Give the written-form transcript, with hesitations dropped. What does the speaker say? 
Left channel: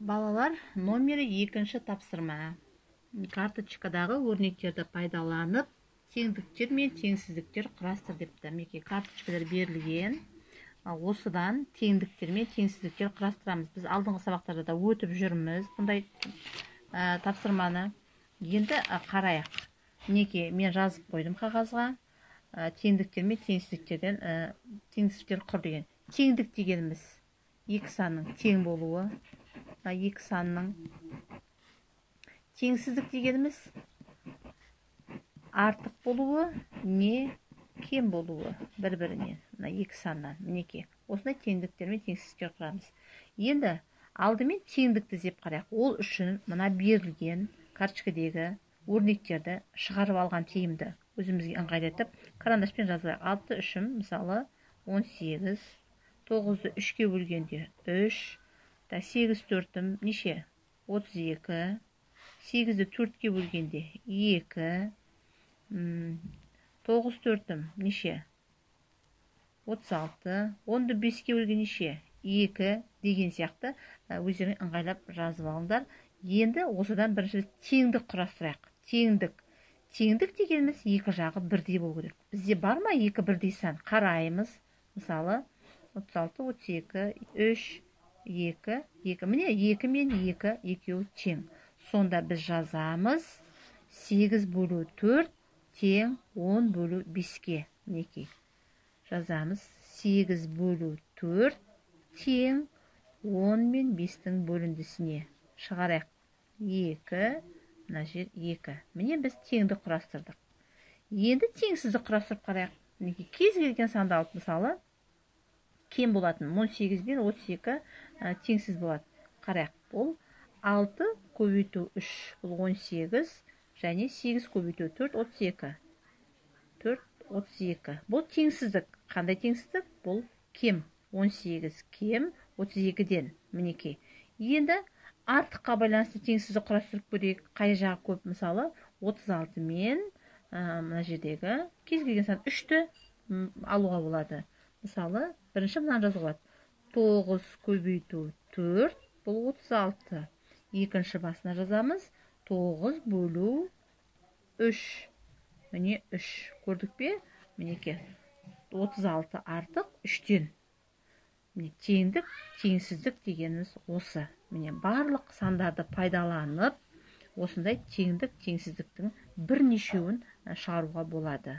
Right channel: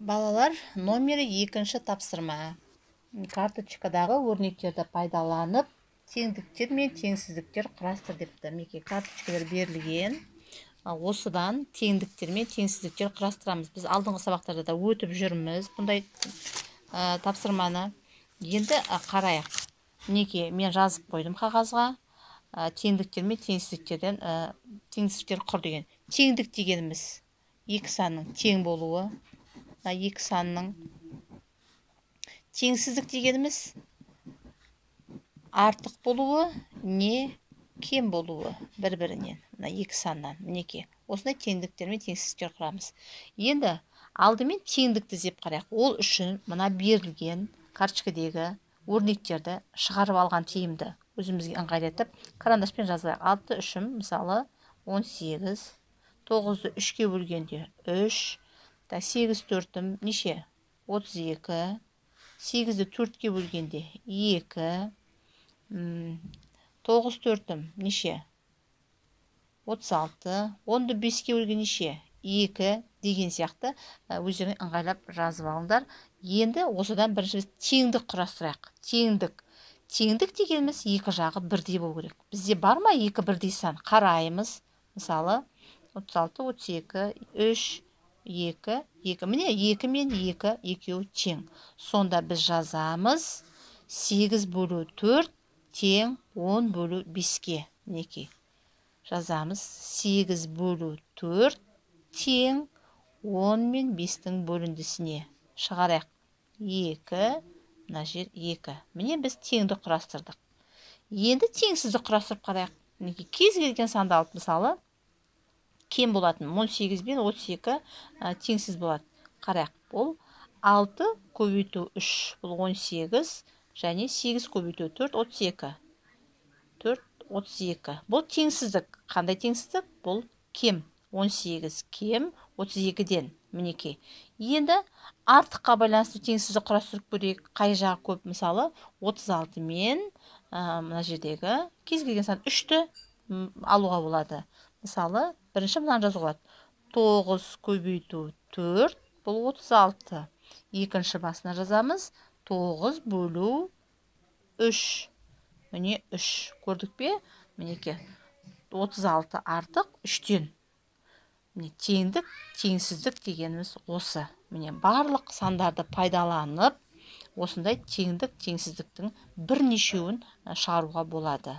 Балалар, номері 2-ші тапсырма. Карточкадағы өрнектерді пайдаланып, теңдіктер мен теңсіздіктер құрастыр депті. Мінекей карточкалар берілген. Осыдан теңдіктер мен теңсіздіктер құрастырамыз. Біз алдыңғы сабақтарда да өтіп жүрміз бұндай тапсырманы. Енді қарайық. Мінекей мен жазып қойдым қағазға. Теңдіктер мен теңсіздіктер құр деген. Теңдік дегеніміз екі санның тең болуы. Екі санның. Теңсіздік дегеніміз артық болуы не кем болуы бір-бірінен. Екі саннан. Мінекей. Осындай теңдіктер мен теңсіздіктер құрамыз. Енді алдымен теңдікті зеп қарайық. Ол үшін мына берілген карточкадегі өрнектерді шығарып алған тиімді. Өзімізге ыңғайлатып карандаспен жазайық. 6 үшім мысалы 18, 9-ды 3-ке бөлгенде 3, 8 төртім неше? 32, 8-ді 4-ке бөлгенде 2, 9 төртім неше? 36, 10-ды 5-ке бөлген неше? 2 деген сияқты өздеріңе ыңғайлап жазып алыңдар. Енді осыдан бірінші теңдік құрастырайық. Теңдік дегеніміз екі жағы бірдей болу керек. Бізде бар ма екі бірдей сан? Қараймыз. Мысалы 36, 32, 3, 2, 2. Міне 2 мен 2 екеуі тең. Сонда біз жазамыз 8 бөлу 4 тең 10 бөлу 5-ке. Мінекей. Жазамыз 8 бөлу 4 тең 10 мен 5-тің бөліндісіне. Шығарайық. 2, мына жер 2. Міне біз теңді құрастырдық. Енді теңсізді құрастырып қарайық. Мінекей кез келген санды алып мысалы кем болатын 18 бен 32 теңсіз болады. Қарайық. Бұл 6 көбейту 3 бұл 18 және 8 көбейту 4 32. 4 32. Бұл теңсіздік. Қандай теңсіздік? Бұл кем. 18 кем 32-ден. Мінекей. Енді артыққа байланысты теңсізді құрастырып көрейік. Қай жағы көп? Мысалы 36 мен мына жердегі кез келген сан 3-ті алуға болады. Мысалы бірінші мынаны жазуға болады. 9 көбейту 4 бұл 36. Екінші басына жазамыз. 9 бөлу 3. Міне 3. Көрдік пе? Мінекей. 36 артық 3-тен. Міне теңдік, теңсіздік дегеніміз осы. Міне барлық сандарды пайдаланып, осындай теңдік, теңсіздіктің бірнешеуін шығаруға болады.